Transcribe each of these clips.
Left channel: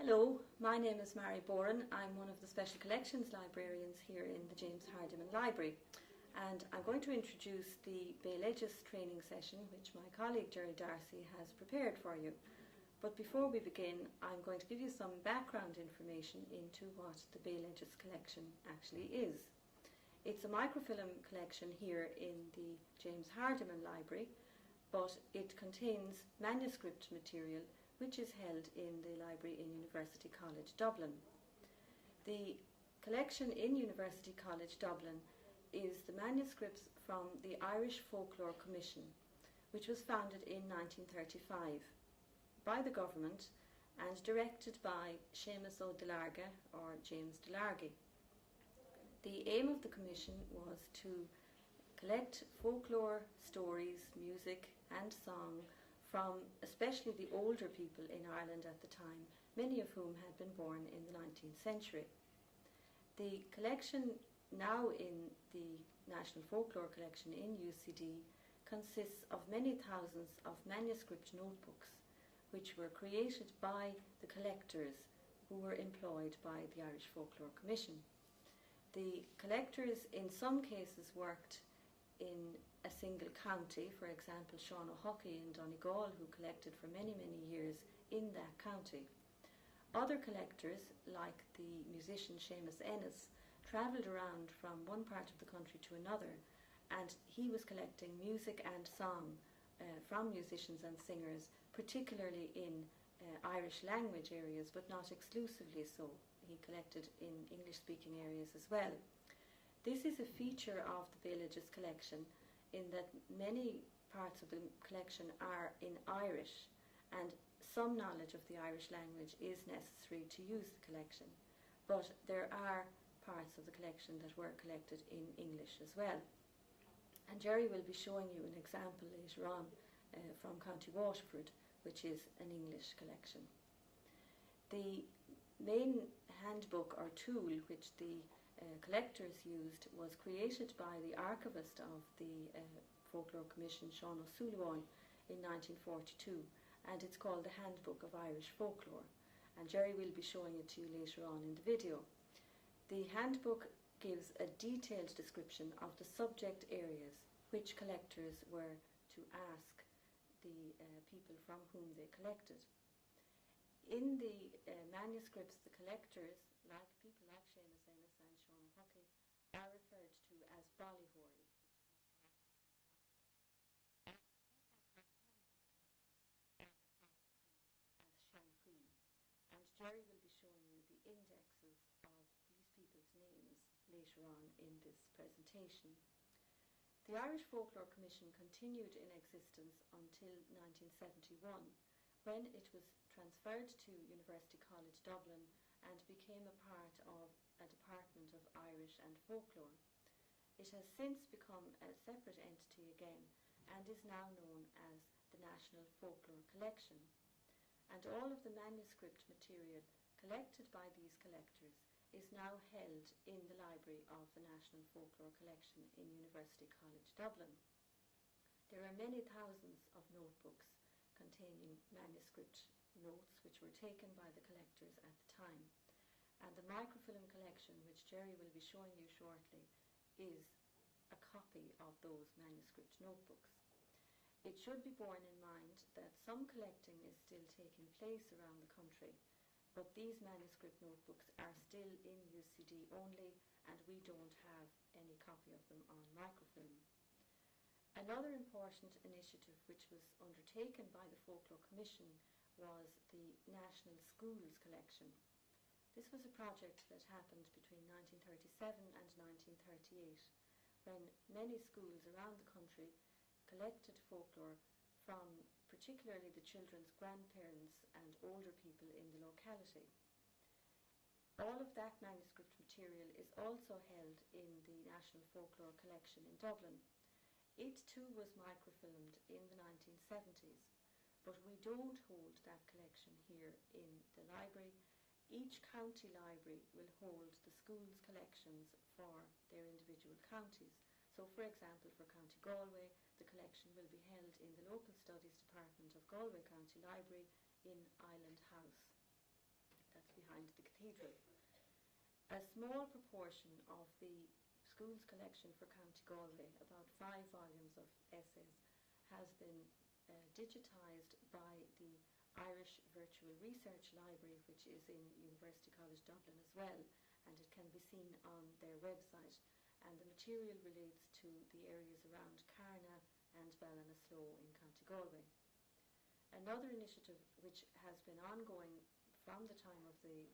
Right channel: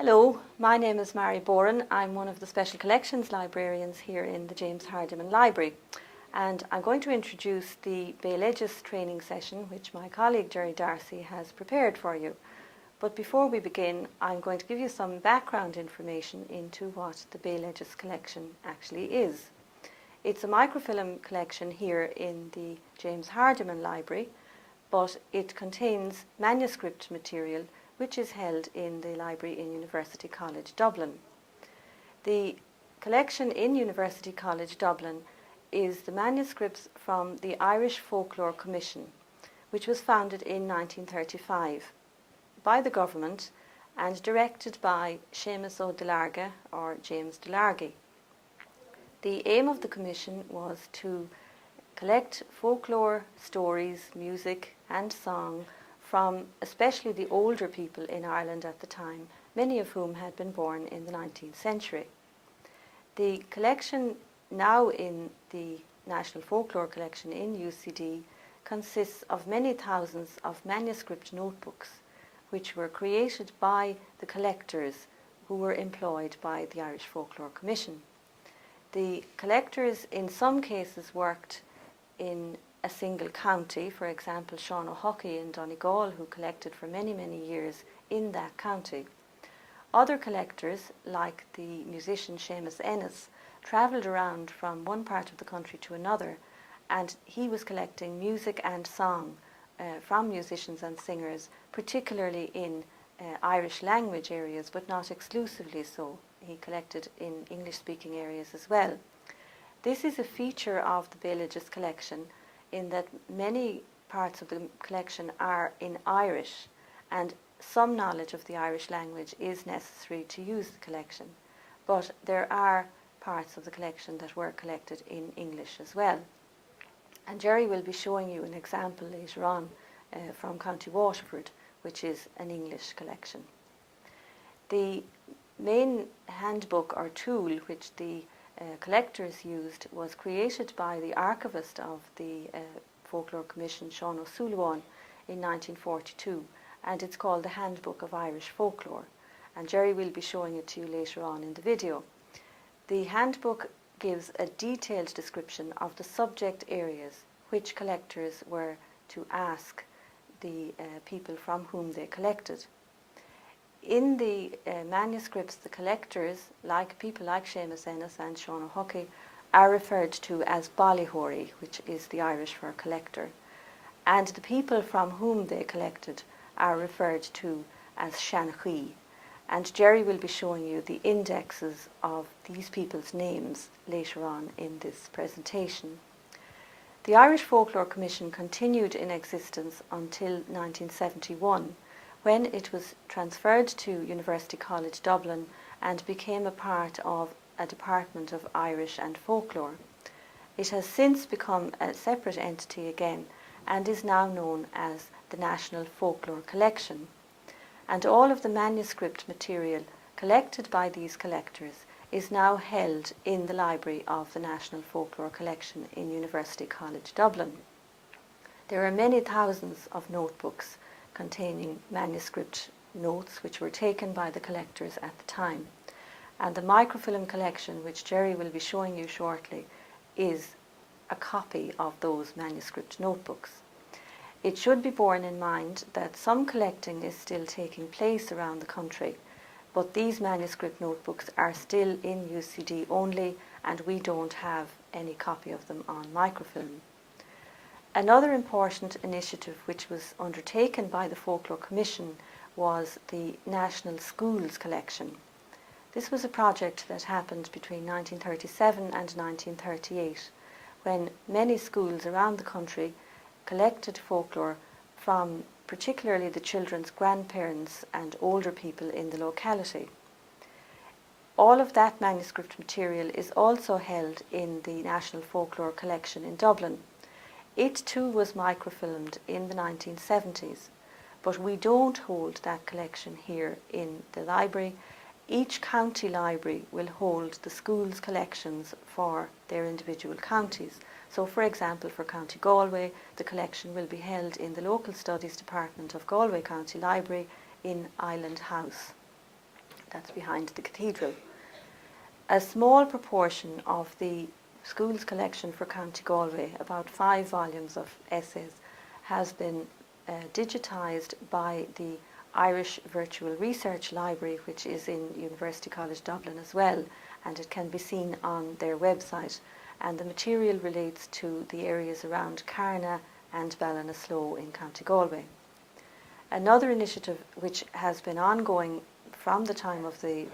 Hello, my name is Mary Boran. I'm one of the Special Collections librarians here in the James Hardiman Library, and I'm going to introduce the Bealoideas training session which my colleague Jerry Darcy has prepared for you. But before we begin, I'm going to give you some background information into what the Bealoideas collection actually is. It's a microfilm collection here in the James Hardiman Library, but it contains manuscript material which is held in the library in University College Dublin. The collection in University College Dublin is the manuscripts from the Irish Folklore Commission, which was founded in 1935 by the government and directed by Seamus Ó Delarga or James Delargy. The aim of the commission was to collect folklore, stories, music and song from especially the older people in Ireland at the time, many of whom had been born in the 19th century. The collection now in the National Folklore Collection in UCD consists of many thousands of manuscript notebooks which were created by the collectors who were employed by the Irish Folklore Commission. The collectors in some cases worked in a single county, for example Sean O'Huckey in Donegal, who collected for many years in that county. Other collectors, like the musician Seamus Ennis, travelled around from one part of the country to another, and he was collecting music and song from musicians and singers, particularly in Irish language areas, but not exclusively so. He collected in English-speaking areas as well. This is a feature of the Bealoideas collection in that many parts of the collection are in Irish, and some knowledge of the Irish language is necessary to use the collection. But there are parts of the collection that were collected in English as well. And Jerry will be showing you an example later on from County Waterford, which is an English collection. The main handbook or tool which the collectors used was created by the archivist of the Folklore Commission, Sean O'Sullivan, in 1942, and it's called the Handbook of Irish Folklore, and Jerry will be showing it to you later on in the video. The handbook gives a detailed description of the subject areas which collectors were to ask the people from whom they collected. In the manuscripts, the collectors, like people like Seamus Ennis and Sean O'Huckey, are referred to as Ballyhory, which is the Irish for collector, and the people from whom they collected are referred to as Shanhui. And Jerry will be showing you the indexes of these people's names later on in this presentation. The Irish Folklore Commission continued in existence until 1971, when it was transferred to University College Dublin and became a part of a department of Irish and Folklore. It has since become a separate entity again and is now known as the National Folklore Collection. And all of the manuscript material collected by these collectors is now held in the library of the National Folklore Collection in University College Dublin. There are many thousands of notebooks containing manuscript notes which were taken by the collectors at the time. And the microfilm collection, which Jerry will be showing you shortly, is a copy of those manuscript notebooks. It should be borne in mind that some collecting is still taking place around the country, but these manuscript notebooks are still in UCD only, and we don't have any copy of them on microfilm. Another important initiative which was undertaken by the Folklore Commission was the National Schools Collection. This was a project that happened between 1937 and 1938, when many schools around the country collected folklore from particularly the children's grandparents and older people in the locality. All of that manuscript material is also held in the National Folklore Collection in Dublin. It too was microfilmed in the 1970s, but we don't hold that collection here in the library. Each county library will hold the school's collections for their individual counties. So for example, for County Galway, the collection will be held in the Local Studies Department of Galway County Library in Island House. that's behind the cathedral. A small proportion of the school's collection for County Galway, about 5 volumes of essays, has been digitised by the Irish Virtual Research Library, which is in University College Dublin as well, and it can be seen on their website. And the material relates to the areas around Carna and Ballinasloe in County Galway. Another initiative which has been ongoing from the time of the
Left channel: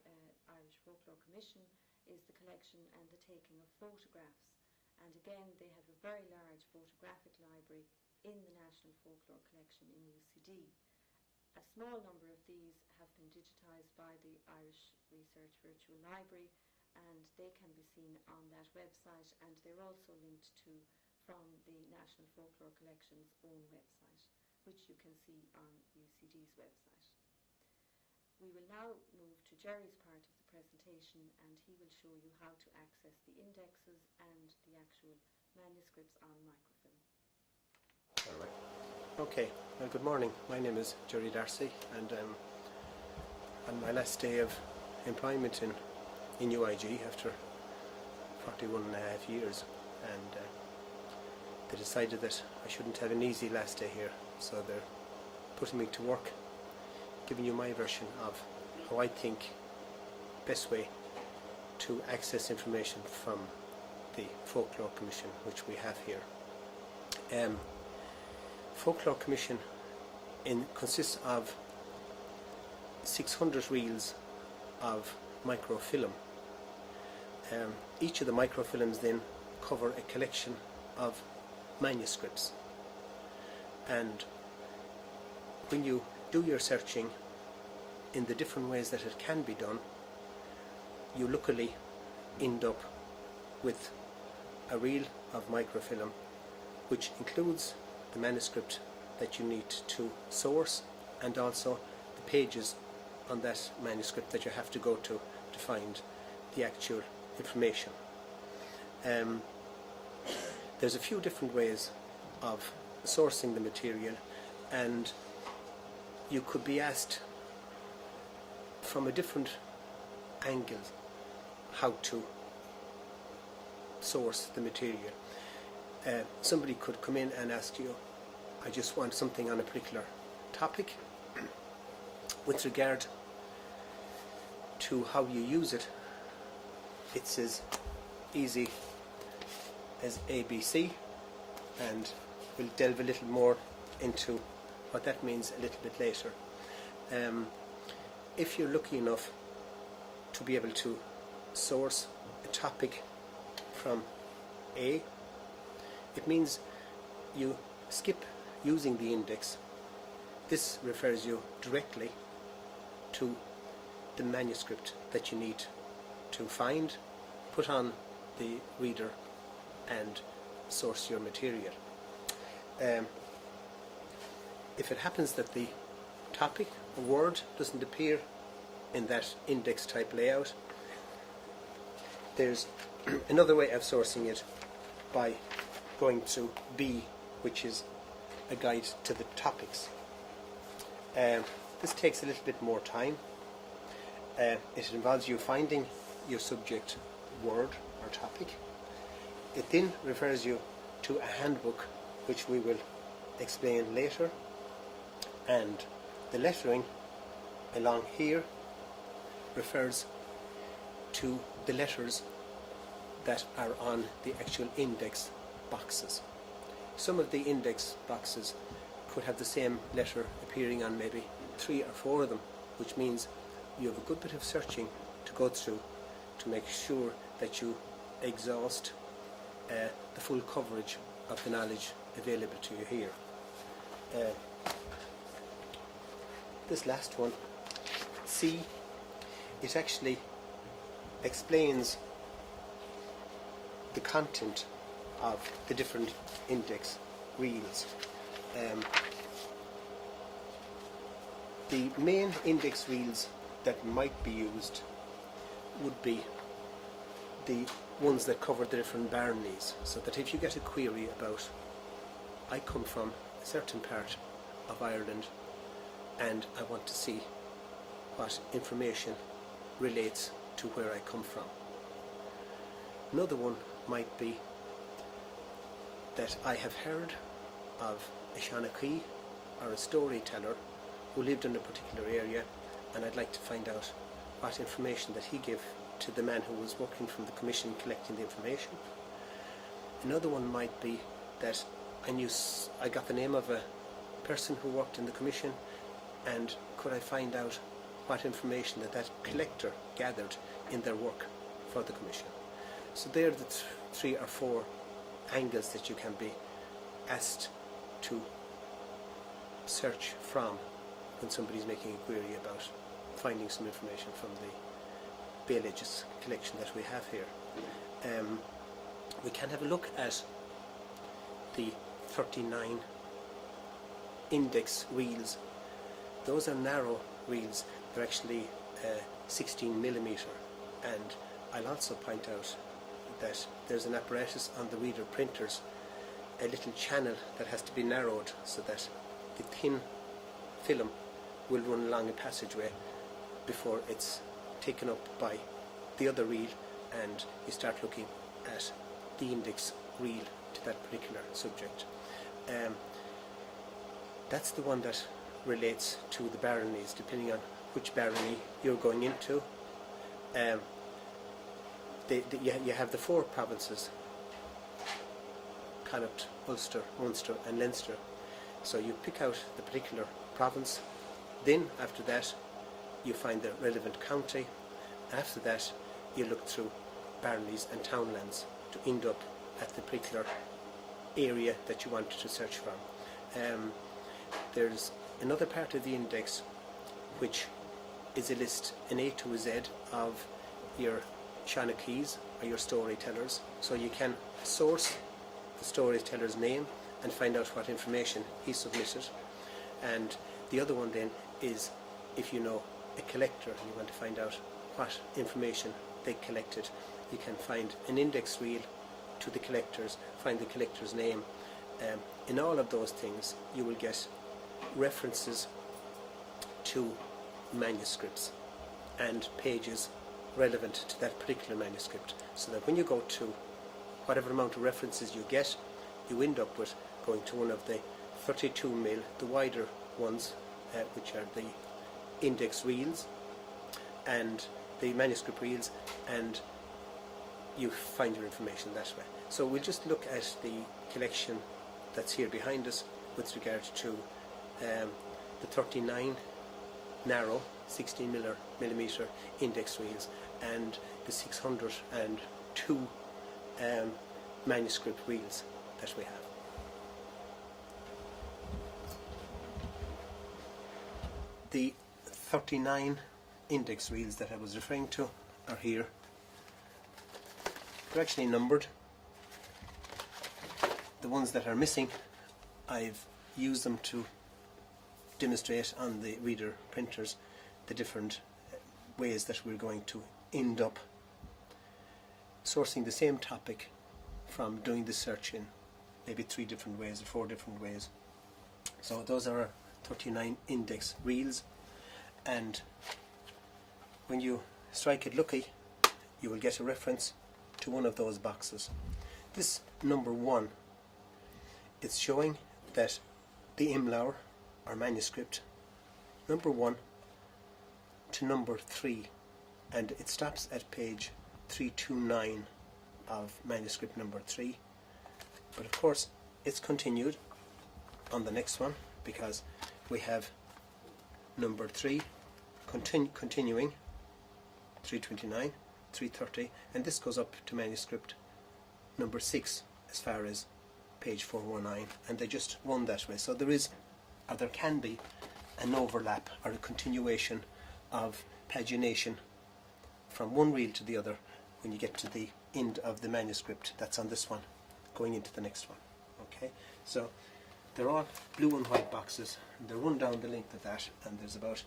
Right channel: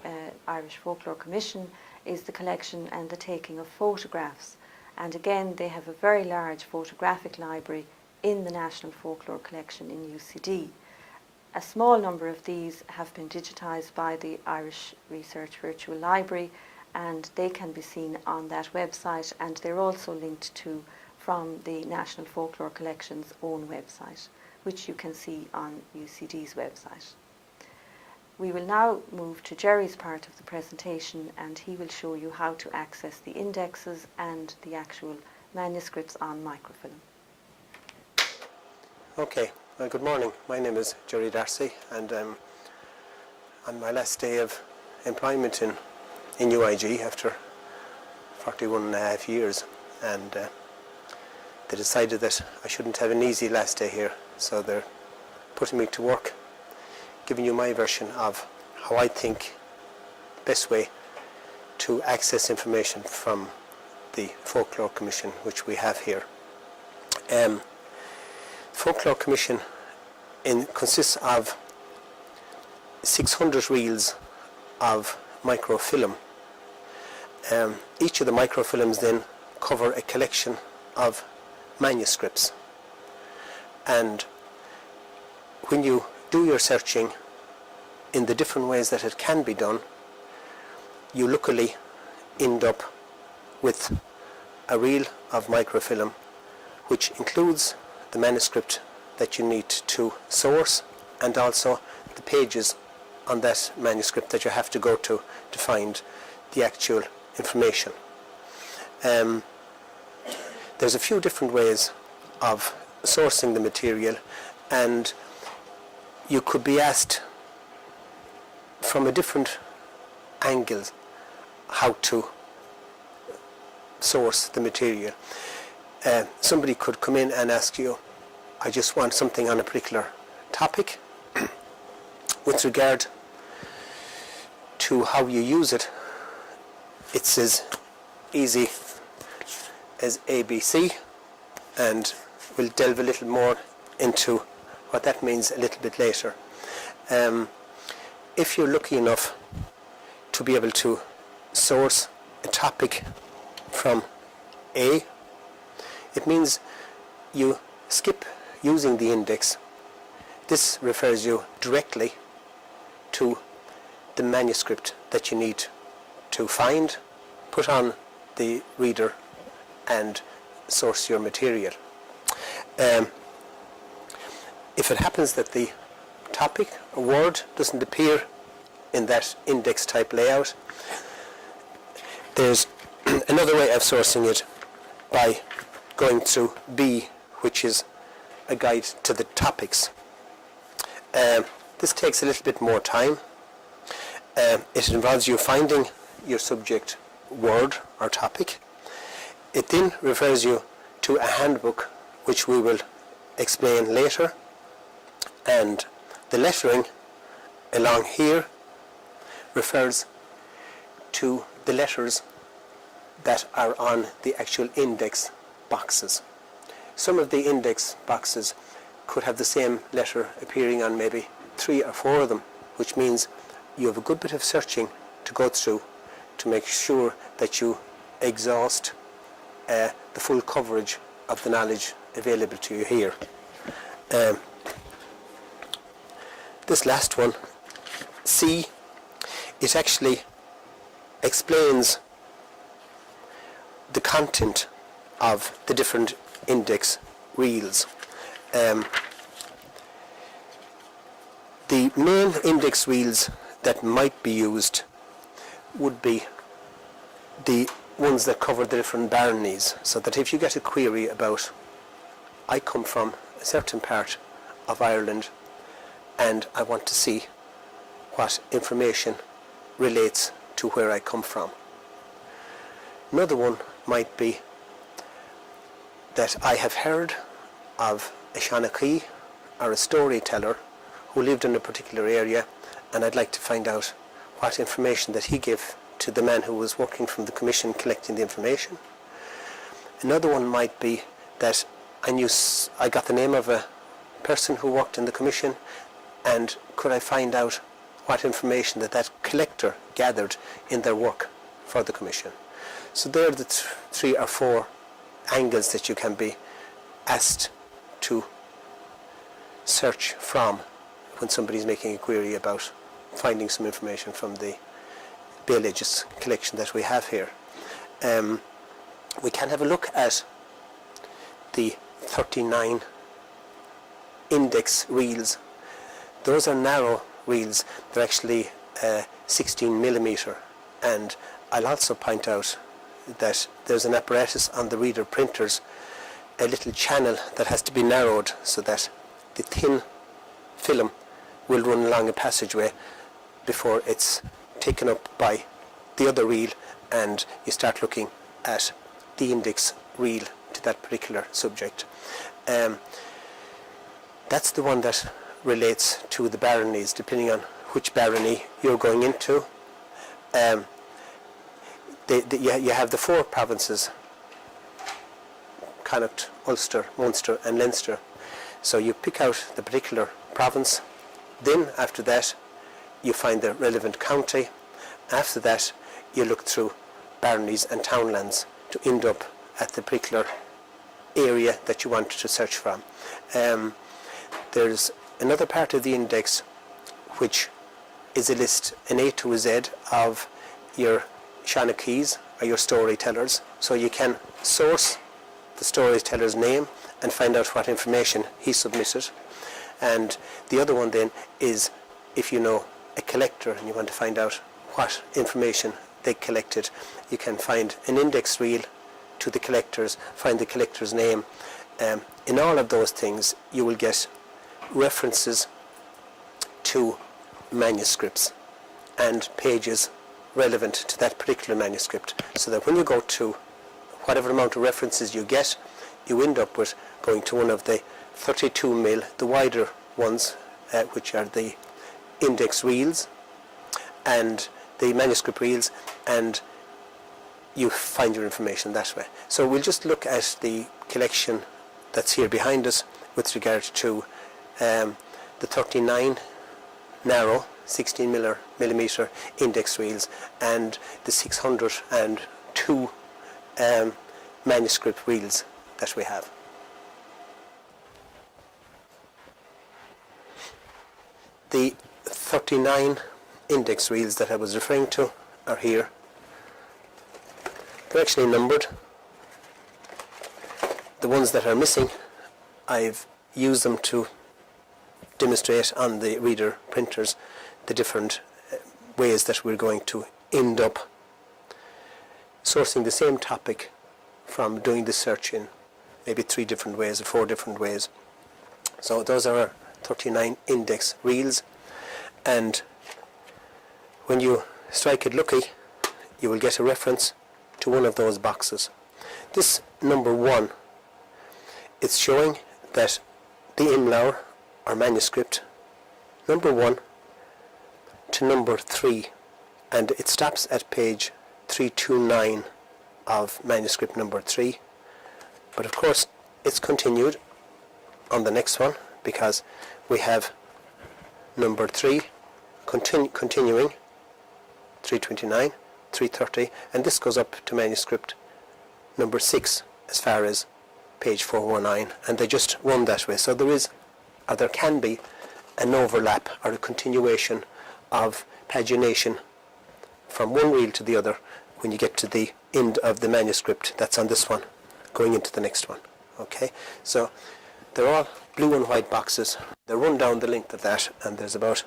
Irish Folklore Commission is the collection and the taking of photographs. And again, they have a very large photographic library in the National Folklore Collection in UCD. A small number of these have been digitised by the Irish Research Virtual Library, and they can be seen on that website, and they're also linked to from the National Folklore Collection's own website, which you can see on UCD's website. We will now move to Jerry's part of the presentation, and he will show you how to access the indexes and the actual manuscripts on microfilm. Okay, well, good morning. My name is Jerry Darcy, and on my last day of employment in UIG after 41.5 years, and they decided that I shouldn't have an easy last day here, so they're putting me to work, giving you my version of how I think the best way to access information from the Folklore Commission, which we have here. Folklore Commission consists of 600 reels of microfilm. Each of the microfilms then cover a collection of manuscripts, and when you do your searching in the different ways that it can be done, you luckily end up with a reel of microfilm which includes the manuscript that you need to source, and also the pages on that manuscript that you have to go to find the actual information. There's a few different ways of sourcing the material, and you could be asked from a different angle how to source the material. Somebody could come in and ask you, I just want something on a particular topic. With regard to how you use it, it's as easy as ABC, and we'll delve a little more into what that means a little bit later. If you're lucky enough to be able to source a topic from A, it means you skip using the index. This refers you directly to the manuscript that you need to find, put on the reader, and source your material. If it happens that the topic or word doesn't appear in that index type layout, there's another way of sourcing it by going through B, which is a guide to the topics. This takes a little bit more time. It involves you finding your subject word or topic. It then refers you to a handbook, which we will explain later, and the lettering along here refers to the letters that are on the actual index boxes. Some of the index boxes could have the same letter appearing on maybe 3 or 4 of them, which means you have a good bit of searching to go through to make sure that you exhaust the full coverage of the knowledge available to you here. This last one, C, it actually explains the content of the different index reels. The main index reels that might be used would be the ones that cover the different baronies, so that if you get a query about, I come from a certain part of Ireland and I want to see what information relates to where I come from. Another one might be that I have heard of a Shanachie or a storyteller who lived in a particular area, and I'd like to find out what information that he gave to the man who was working from the commission collecting the information. Another one might be that I got the name of a person who worked in the commission, and could I find out what information that collector gathered in their work for the commission. So there are the 3 or 4 angles that you can be asked to search from when somebody's making a query about finding some information from the Bealoideas collection that we have here. We can have a look at the 39 index reels. Those are narrow reels. They're actually 16 millimeter, and I'll also point out that there's an apparatus on the reader printers, a little channel that has to be narrowed so that the thin film will run along a passageway before it's taken up by the other reel, and you start looking at the index reel to that particular subject. That's the one that relates to the baronies, depending on which barony you're going into. You have the 4 provinces, Connacht, Ulster, Munster and Leinster. So you pick out the particular province, then after that you find the relevant county. After that you look through baronies and townlands to end up at the particular area that you want to search from. There's another part of the index which is a list, an A to a Z of your Shanachies or your storytellers, so you can source the storyteller's name and find out what information he submitted. And the other one then is, if you know a collector and you want to find out what information they collected, you can find an index reel to the collectors, find the collector's name. In all of those things you will get references to manuscripts and pages relevant to that particular manuscript, so that when you go to whatever amount of references you get, you end up with going to one of the 32 mil, the wider ones, which are the index reels and the manuscript reels, and you find your information that way. So we'll just look at the collection that's here behind us with regard to the 39 narrow 16 millimeter index reels and the 602 manuscript reels that we have. The 39 index reels that I was referring to are here. They're actually numbered. The ones that are missing, I've used them to demonstrate on the reader printers the different ways that we're going to end up sourcing the same topic from doing the search in maybe 3 different ways or 4 different ways. So those are our 39 index reels, and when you strike it lucky you will get a reference to one of those boxes. This number 1, it's showing that the imlaur or manuscript number 1 to number 3, and it stops at page 329 of manuscript number 3, but of course it's continued on the next one because we have number 3 continuing 329, 330, and this goes up to manuscript number 6 as far as page 419, and they just run that way. So there is, or there can be, an overlap or a continuation of pagination from one reel to the other when you get to the end of the manuscript that's on this one going into the next one. Okay, so they're all blue and white boxes. They run down the length of that, and there's about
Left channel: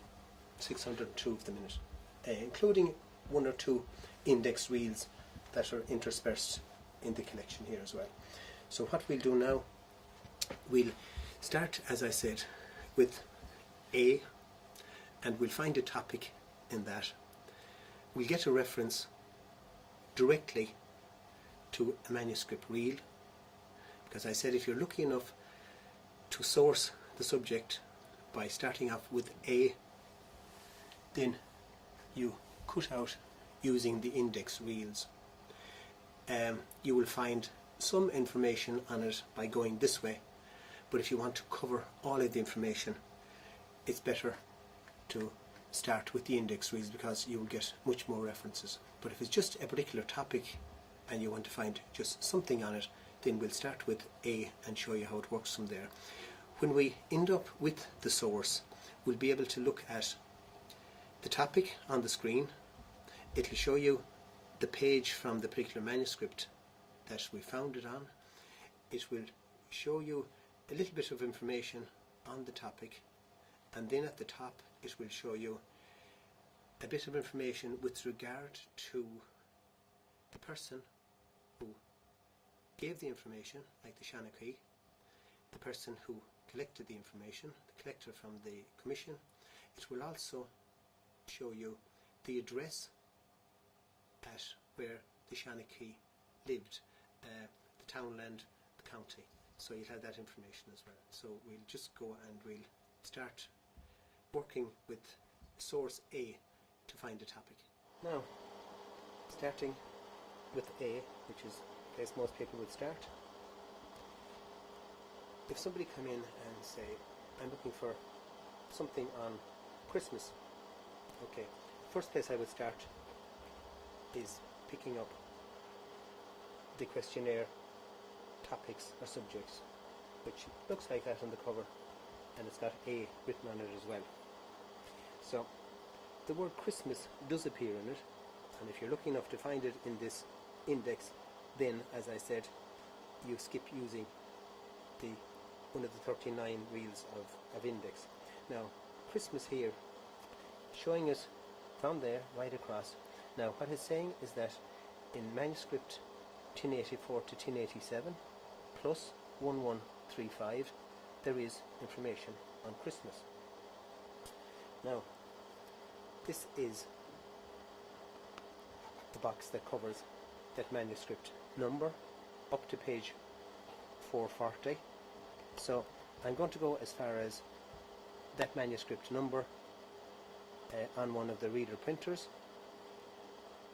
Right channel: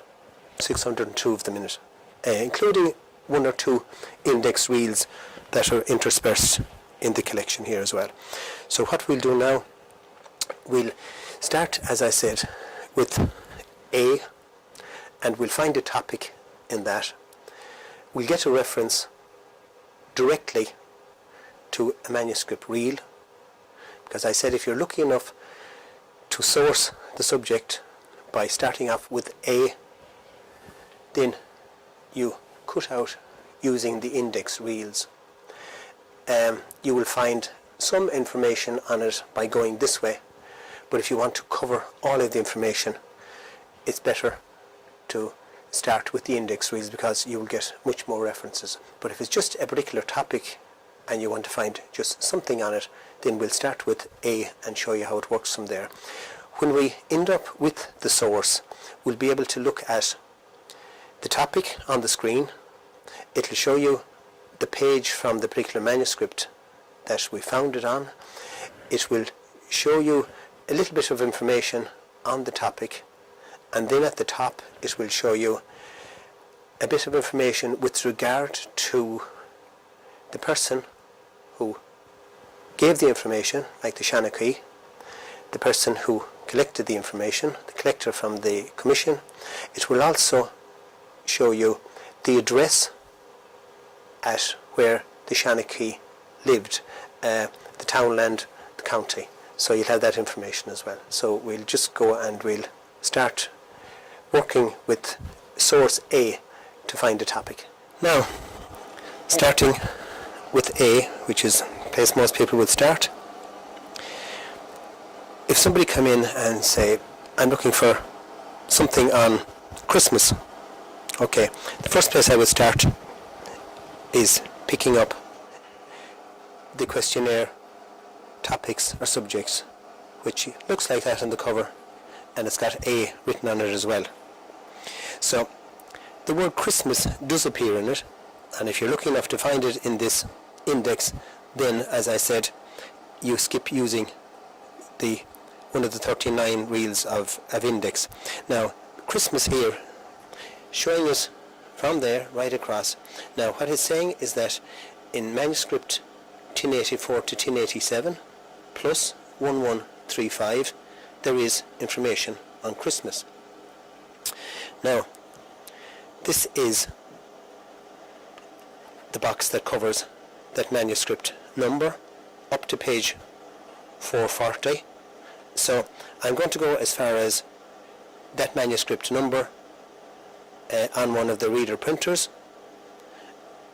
602 of them in it, including 1 or 2 index reels that are interspersed in the collection here as well. So what we'll do now, we'll start, as I said, with A, and we'll find a topic in that. we'll get a reference directly to a manuscript reel, because I said if you're lucky enough to source the subject by starting off with A, then you cut out using the index reels. You will find some information on it by going this way, but if you want to cover all of the information, it's better to start with the index reels because you will get much more references. But if it's just a particular topic and you want to find just something on it, then we'll start with A and show you how it works from there. When we end up with the source, we'll be able to look at the topic on the screen. It'll show you the page from the particular manuscript that we found it on. It will show you a little bit of information on the topic, and then at the top it will show you a bit of information with regard to the person who gave the information, like the Shanachie, the person who collected the information, the collector from the commission. It will also show you the address at where the Shanachie lived, the townland, the county. So you'll have that information as well. So we'll just go and we'll start working with source A to find a topic. Now, starting with A, which is the place most people would start. If somebody come in and say, I'm looking for something on Christmas, okay, the first place I would start is picking up the questionnaire topics or subjects, which looks like that on the cover, and it's got A written on it as well. So the word Christmas does appear in it, and if you're lucky enough to find it in this index, then as I said, you skip using the one of the 39 reels of index. Now Christmas here, showing us from there right across. Now what it's saying is that in manuscript 1084 to 1087 plus 1135 there is information on Christmas. Now this is the box that covers that manuscript number up to page 440. So I'm going to go as far as that manuscript number on one of the reader printers,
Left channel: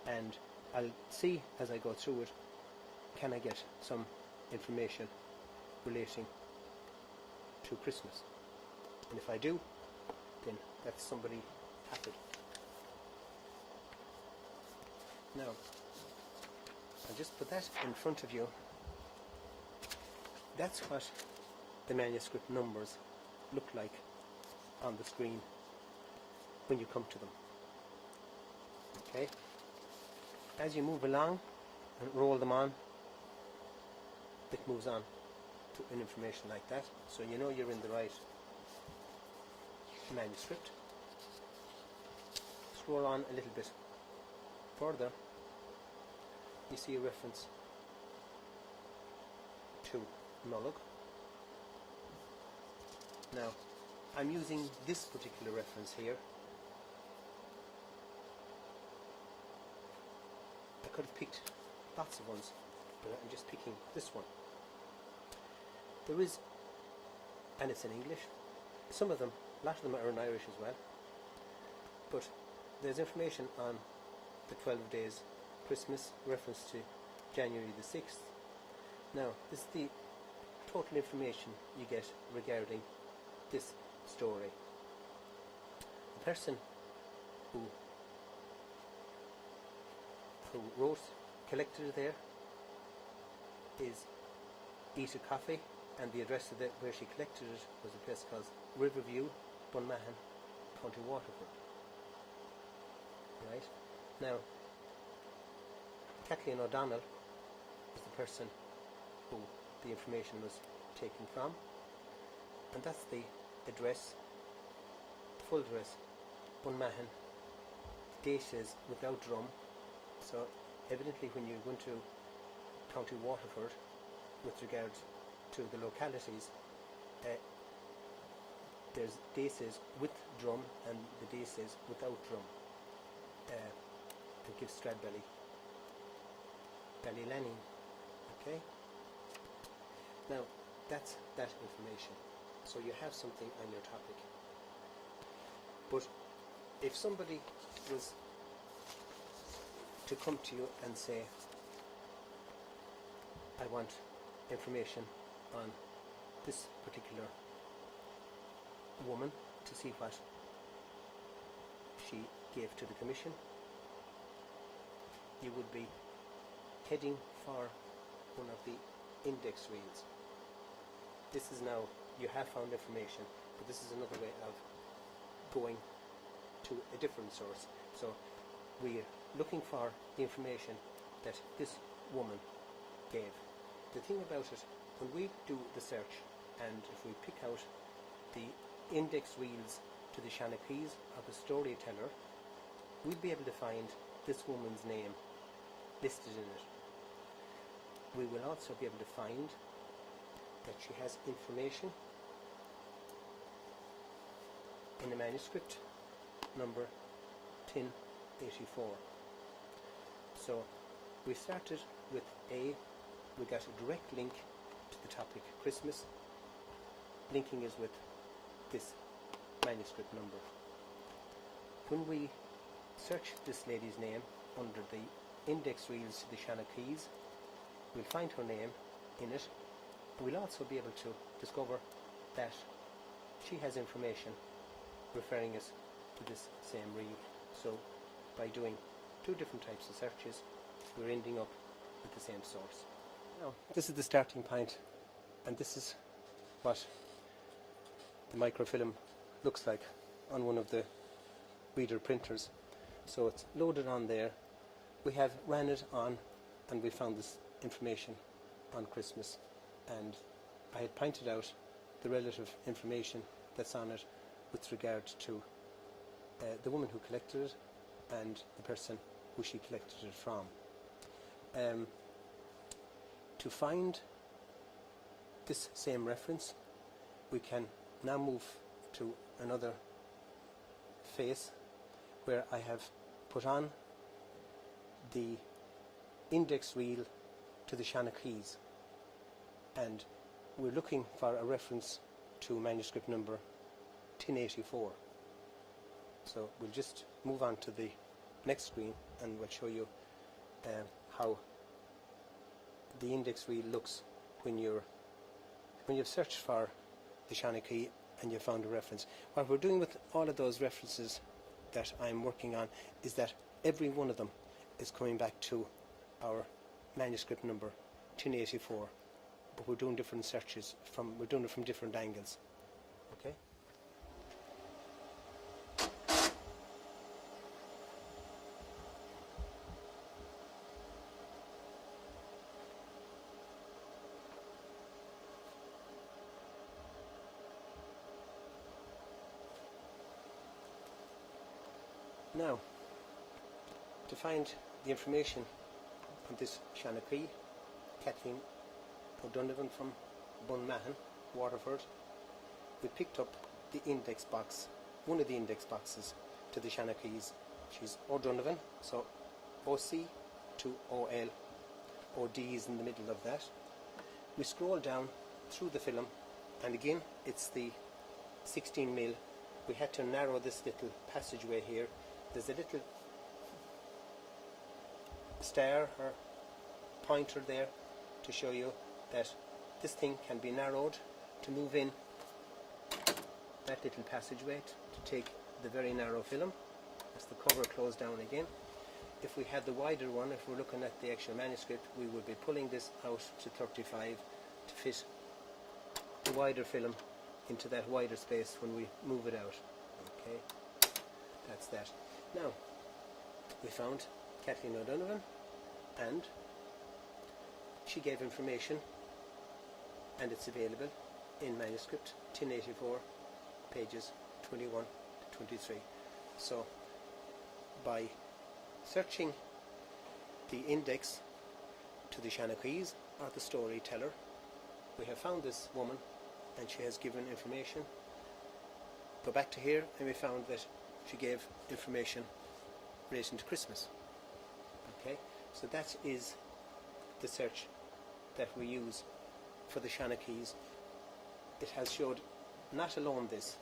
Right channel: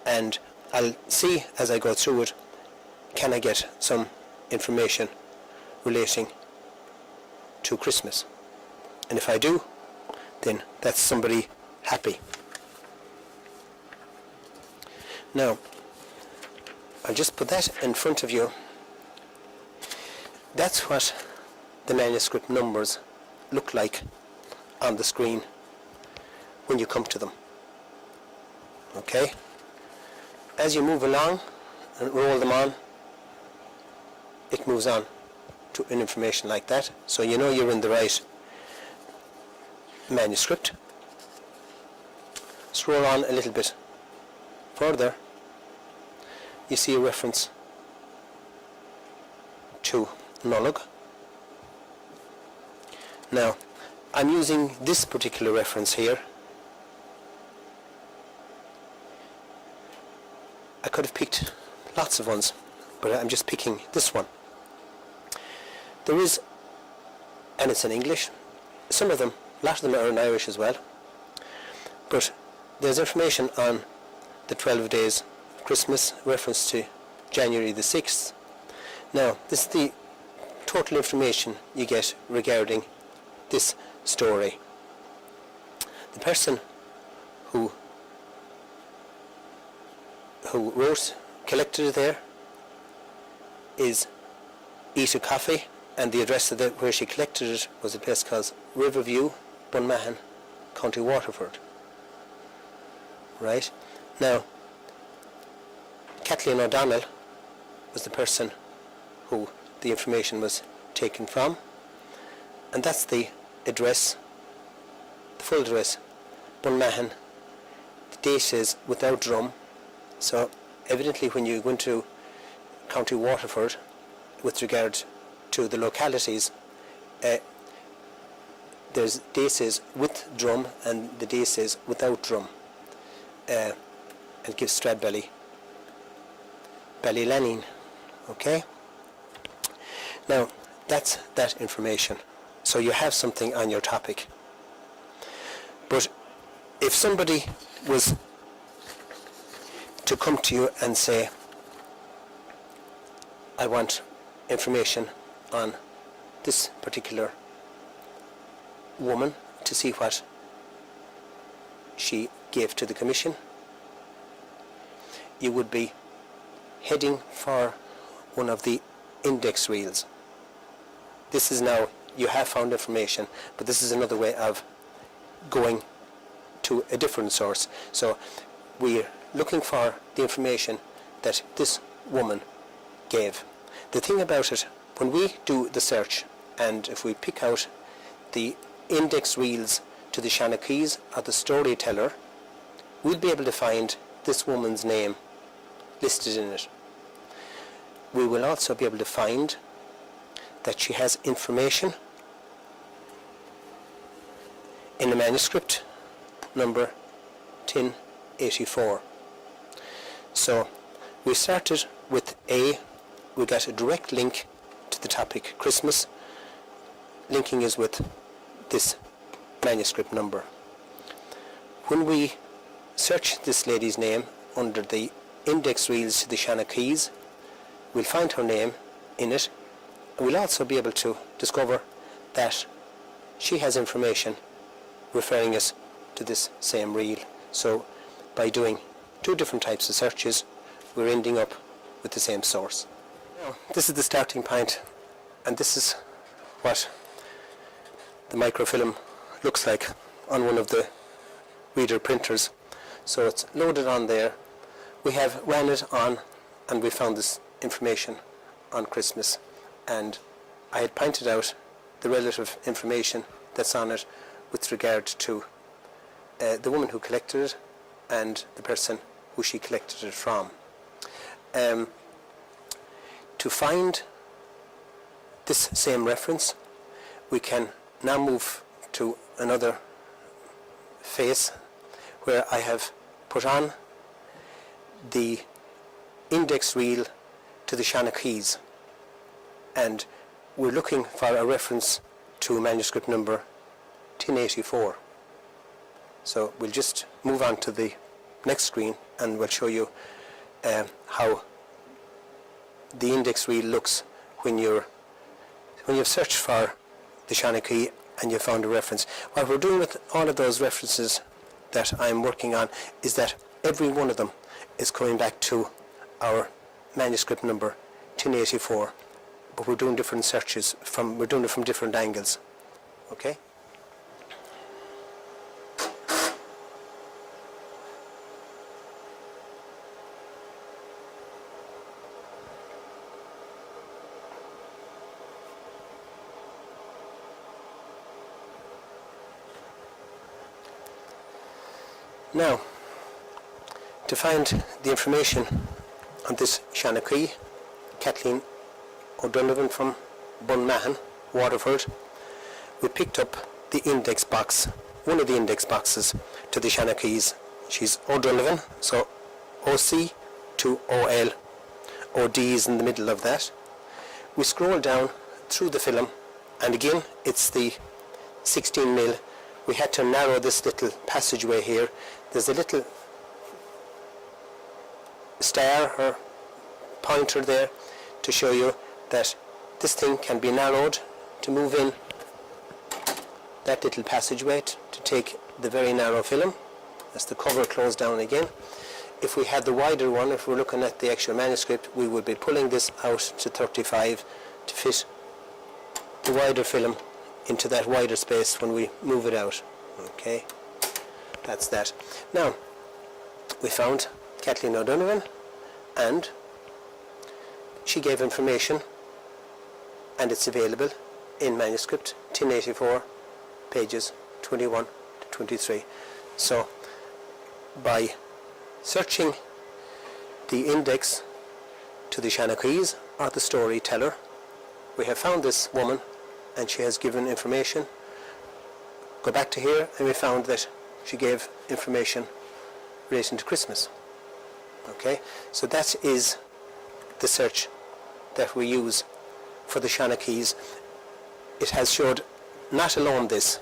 and I'll see as I go through it, can I get some information relating to Christmas, and if I do, then that's somebody happy. Now I'll just put that in front of you. That's what the manuscript numbers look like on the screen when you come to them. Okay? As you move along and roll them on, it moves on to an information like that, so you know you're in the right manuscript. Scroll on a little bit further, you see a reference to Nullag. Now I'm using this particular reference here. I could have picked lots of ones, but I'm just picking this one. There is, and it's in English, some of them, a lot of them are in Irish as well, but there's information on the 12 days of Christmas, reference to January the 6th. Now this is the total information you get regarding this story. The person who collected it there is Eat a Coffee, and the address of where she collected it was a place called Riverview, Bunmahan, County Waterford. Right? Now, Kathleen O'Donnell was the person who the information was taken from, and that's the address, the full address, Bunmahan. The date is without drum, so evidently when you go into County Waterford with regard to the localities, there's dates with drum and the dates without drum. and give Stradbally Ballylenine. Okay? Now, that's that information. So you have something on your topic. But if somebody was to come to you and say, I want information on this particular woman to see what she gave to the Commission, you would be heading for one of the index reels. This is now, you have found information, but this is another way of going to a different source. So we're looking for the information that this woman gave. The thing about it, when we do the search, and if we pick out the index reels to the Shanakees or the storyteller, we'll be able to find this woman's name listed in it. We will also be able to find that she has information in the manuscript number 1084. So we started with we got a direct link to the topic Christmas. Linking is with this manuscript number. When we search this lady's name under the index reels to the Shanakees, we'll find her name in it. We'll also be able to discover that she has information referring us to this same reel. So by doing two different types of searches, we're ending up with the same source. Now, this is the starting point, and this is what the microfilm looks like on one of the reader printers. So it's loaded on there. We have ran it on, and we found this information on Christmas, and I had pointed out the relative information that's on it with regard to the woman who collected it and the person who she collected it from. To find this same reference, we can now move to another phase where I have put on the index reel to the Shanakees, and we're looking for a reference to manuscript number 1084. So we'll just move on to the next screen and we'll show you how the index reel looks when you've searched for the Shanakee and you found a reference. What we're doing with all of those references that I'm working on is that every one of them is coming back to our manuscript number 1084, but we're doing different searches we're doing it from different angles. Okay? Now, to find the information on this Shanakee, Kathleen O'Donovan from Bunmahan, Waterford, we picked up the index box, one of the index boxes to the Shanakees. She's O'Donovan, so OC to OL, OD is in the middle of that. We scroll down through the film, and again it's the 16mm. We had to narrow this little passageway here. There's a little star or pointer there to show you that this thing can be narrowed to move in that little passageway to take the very narrow film as the cover closed down again. If we had the wider one, if we're looking at the actual manuscript, we would be pulling this out to 35 to fit the wider film into that wider space when we move it out. Okay, that's that. Now, we found Kathleen O'Donovan, and she gave information, and it's available in manuscript 1084, pages 21 to 23. So by searching the index to the Shanakees or the storyteller, we have found this woman and she has given information. Go back to here and we found that she gave information relating to Christmas. Okay, so that is the search that we use for the Shanakees. It has showed not alone this,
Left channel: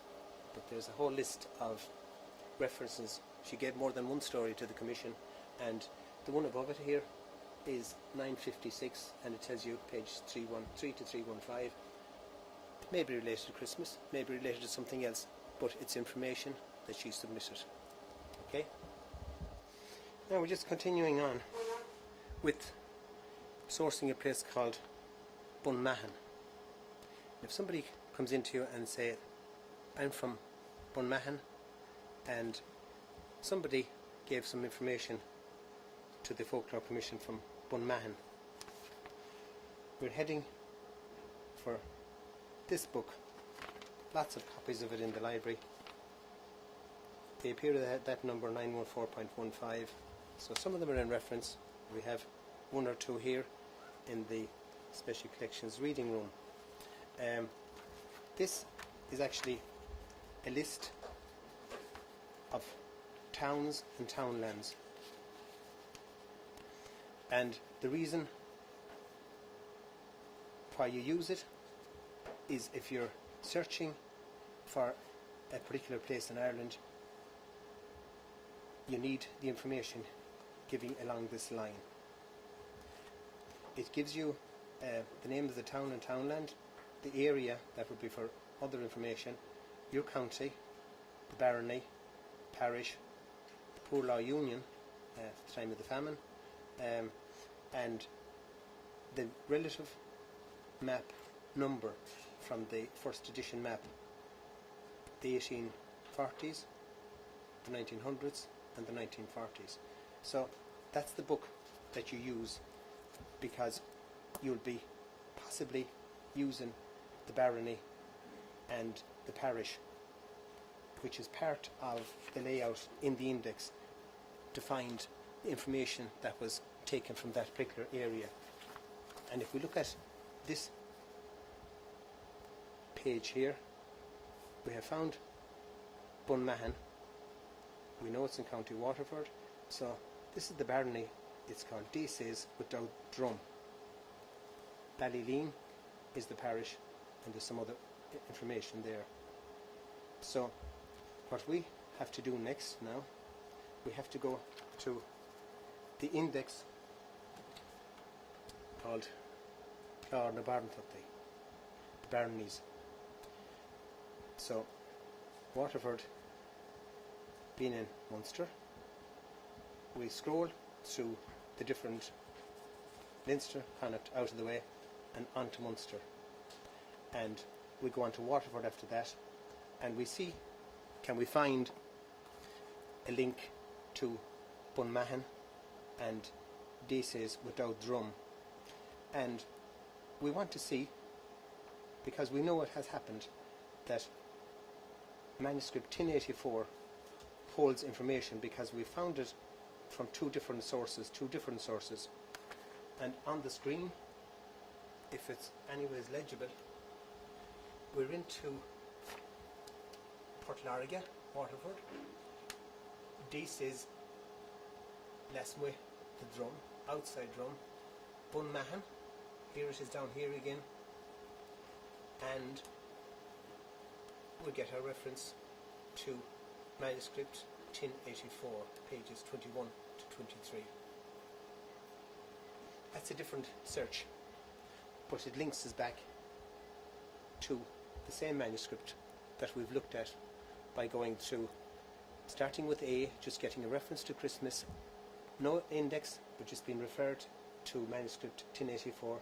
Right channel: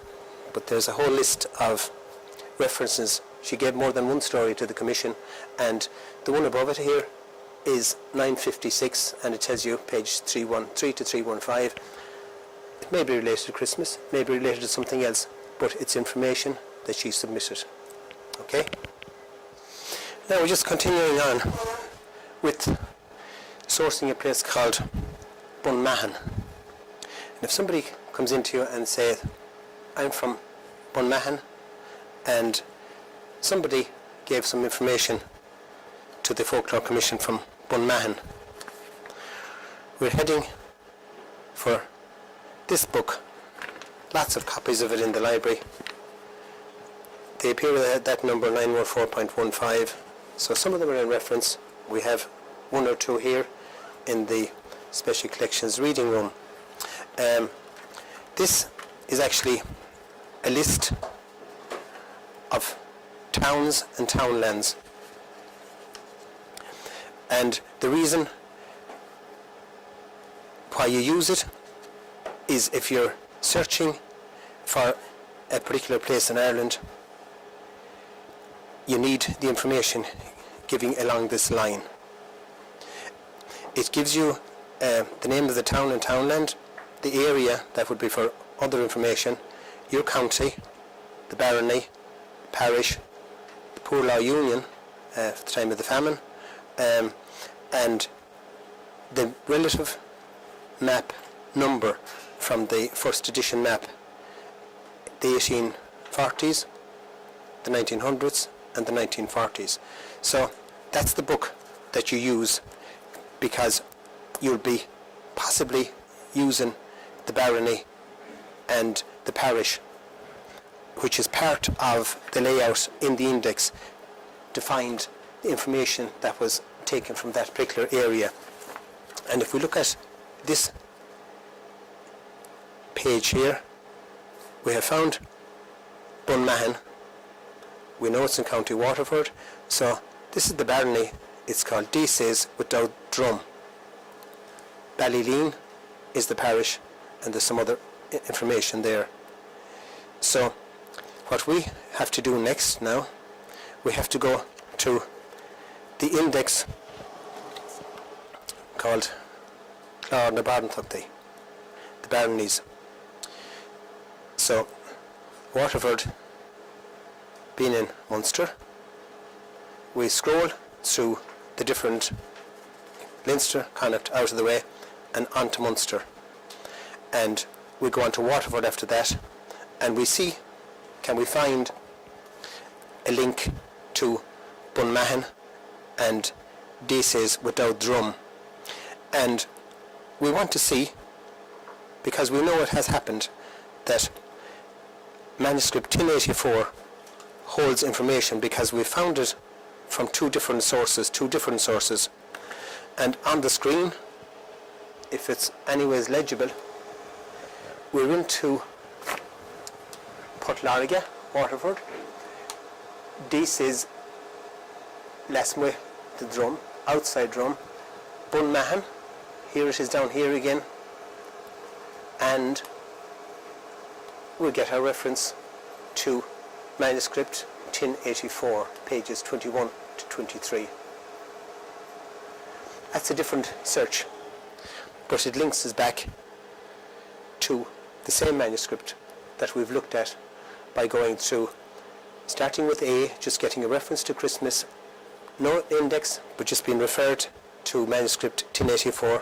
but there's a whole list of references. She gave more than one story to the Commission, and the one above it here is 956, and it tells you page 313 to 315. It may be related to Christmas, may be related to something else, but it's information that she submitted. Okay? Now we're just continuing on with sourcing a place called Bunmahan. And if somebody comes into you and says, I'm from Bunmahan, and somebody gave some information to the Folklore Commission from Bunmahan, we're heading for this book. Lots of copies of it in the library. They appear at that number 914.15, so some of them are in reference. We have one or two here in the Special Collections reading room. This is actually a list of towns and townlands, and the reason why you use it is if you're searching for a particular place in Ireland, you need the information giving along this line. It gives you the name of the town and townland, the area that would be for other information, your county, the barony, parish, the poor law union at the time of the famine, and the relative map number from the first edition map, the 1840s, the 1900s and the 1940s. So that's the book that you use, because you'll be possibly using the barony and the parish, which is part of the layout in the index, to find the information that was taken from that particular area. And if we look at this page here, we have found Bunmahan. We know it's in County Waterford, so this is the barony. It's called Deasays without Drum. Ballyleen is the parish, and there's some other information there. So what we have to do next now, we have to go to the index called Clár na Barntuchtaí, the baronies. So Waterford being in Munster, we scroll through the different Leinster, Connacht out of the way, and onto Munster, and we go on to Waterford after that, and we see, can we find a link to Bunmahan and Deasays without Drum. And we want to see, because we know it has happened, that manuscript 1084 holds information, because we found it from two different sources, and on the screen, if it's anyways legible, we're into Portlarga, Waterford. Deasays Lasmwe, the Drum, outside Drum. Bunmahan, here it is down here again, and we get our reference to manuscript 1084, pages 21 to 23. That's a different search, but it links us back to the same manuscript that we've looked at by going through, starting with A, just getting a reference to Christmas, no index, but just being referred to manuscript 1084.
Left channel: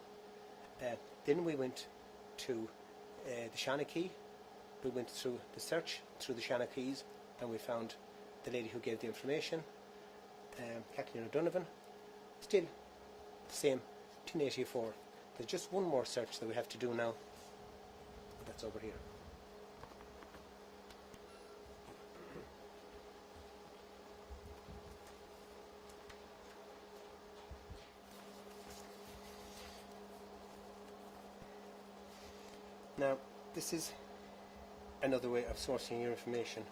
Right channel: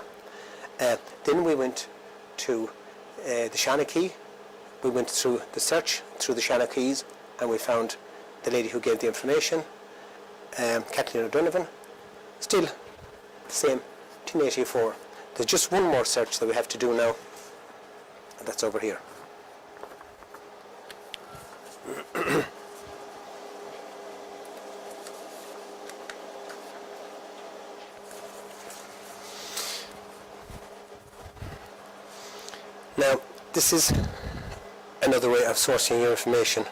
Then we went to the Shanakee. We went through the search through the Shanakees, and we found the lady who gave the information, Kathleen O'Donovan. Still the same, 1084. There's just one more search that we have to do now, and that's over here. Now, this is another way of sourcing your information.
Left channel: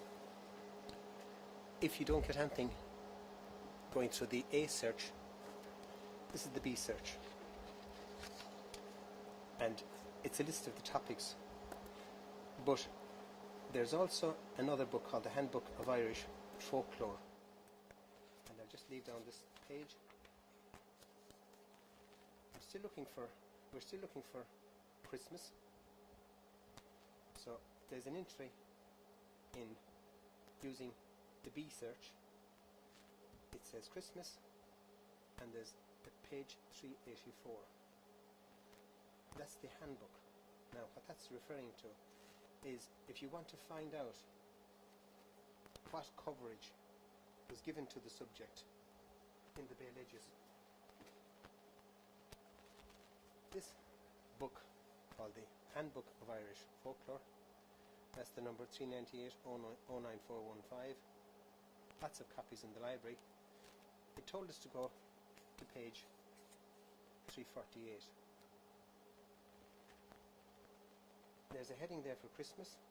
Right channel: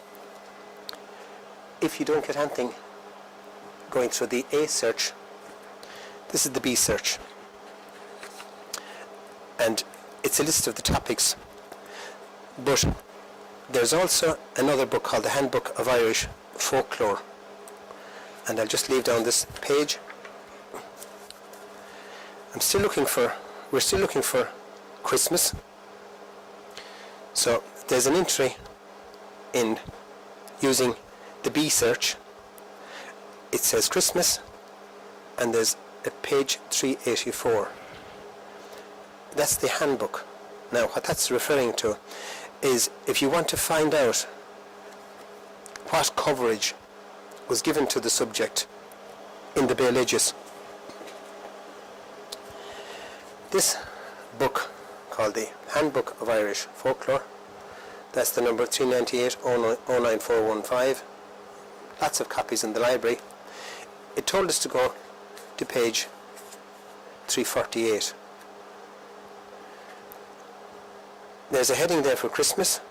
If you don't get anything going through the A search, This is the B search, and it's a list of the topics, but there's also another book called the Handbook of Irish Folklore, and I'll just leave down this page. we're still looking for Christmas, so there's an entry in using the B search. It says Christmas, and there's a page 384. That's the handbook. Now what that's referring to is if you want to find out what coverage was given to the subject in the Bealoideas. This book called the Handbook of Irish Folklore, that's the number 398-09415, lots of copies in the library. It told us to go to page 348. There's a heading there for Christmas,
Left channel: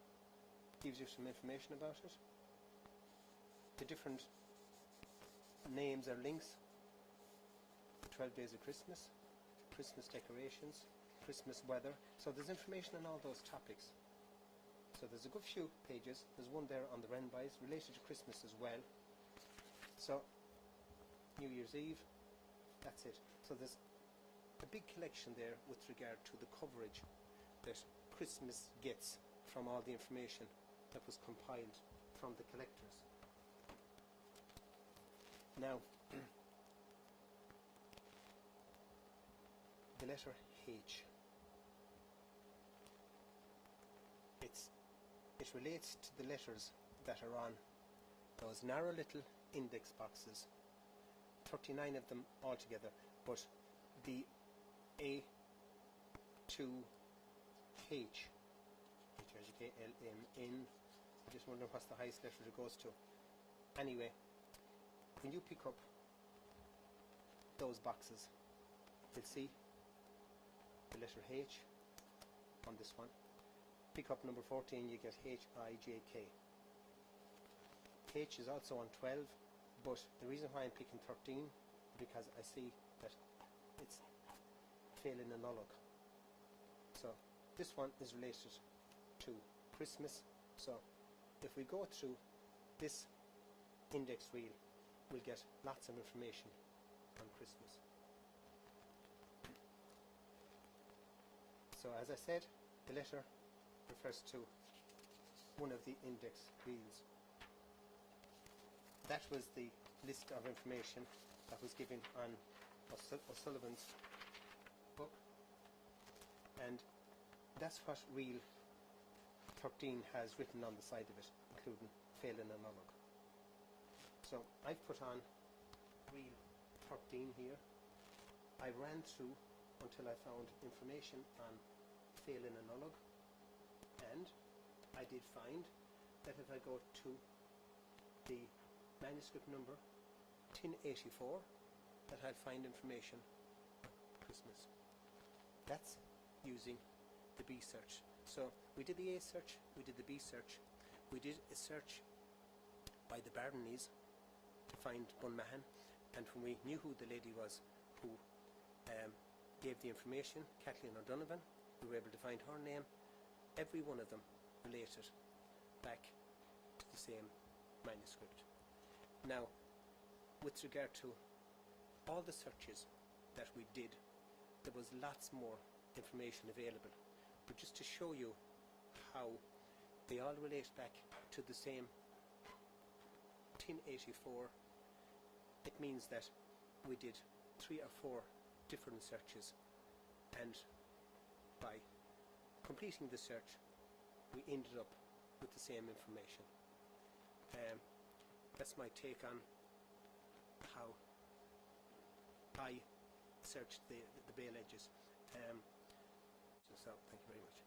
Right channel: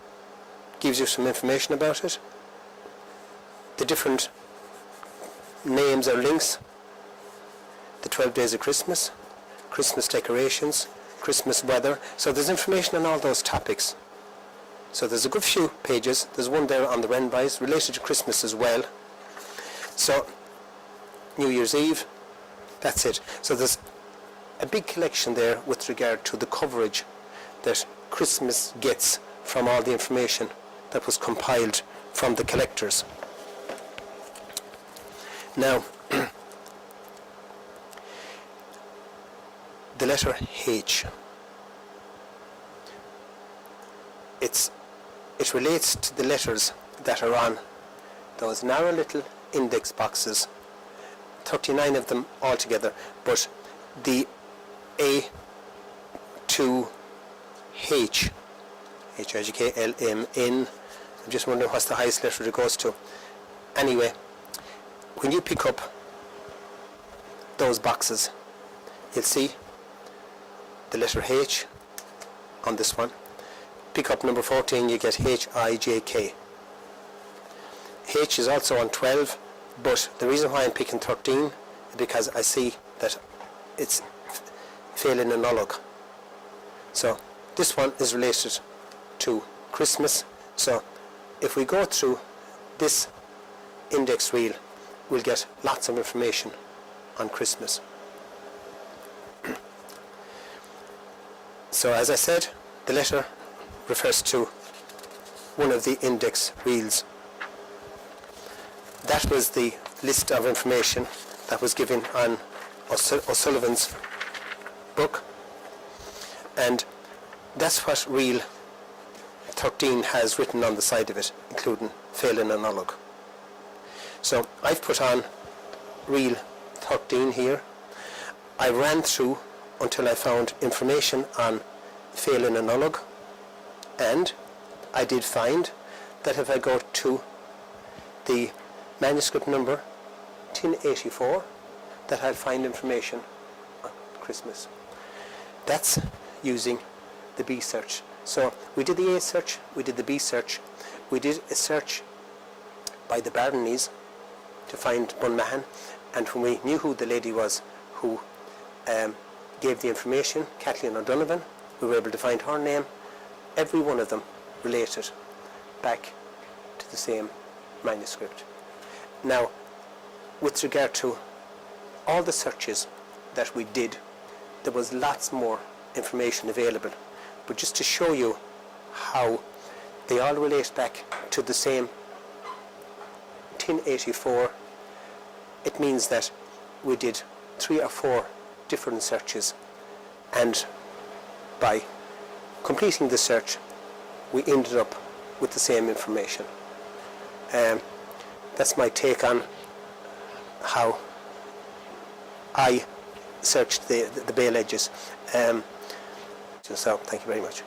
gives you some information about it, the different names or links, the 12 days of Christmas, Christmas decorations, Christmas weather. So there's information on all those topics. So there's a good few pages. There's one there on the Renbys related to Christmas as well. So New Year's Eve, that's it. So there's a big collection there with regard to the coverage that Christmas gets from all the information that was compiled from the collectors. Now, the letter H. It relates to the letters that are on those narrow little index boxes, 39 of them altogether, but the A to H, H-I-G-K-L-M-N, I'm just wondering what's the highest letter it goes to. Anyway, when you pick up those boxes, you'll see the letter H on this one. Pick up number 14, you get H-I-J-K. H is also on 12, but the reason why I'm picking 13 is because I see that it's failing an ulog. So this one is related to Christmas. So if we go through this index reel, we'll get lots of information on Christmas. So as I said, the letter refers to one of the index reels. That was the list of information that was given on O'Sullivan's book, and that's what reel 13 has written on the side of it, including failing an ulog. So I've put on reel 13 here. I ran through until I found information on failing an ulog, and I did find that if I go to the manuscript number 1084, that I'll find information on Christmas. That's using the B search. So we did the A search, we did the B search, we did a search by the Baronies to find Bunmahan, and when we knew who the lady was who gave the information, Kathleen O'Donovan, we were able to find her name. Every one of them related back to the same manuscript. Now, with regard to all the searches that we did, there was lots more information available, but just to show you how they all relate back to the same 1084, it means that we did 3 or 4 different searches, and by completing the search we ended up with the same information. That's my take on how I searched the Bealoideas. So thank you very much.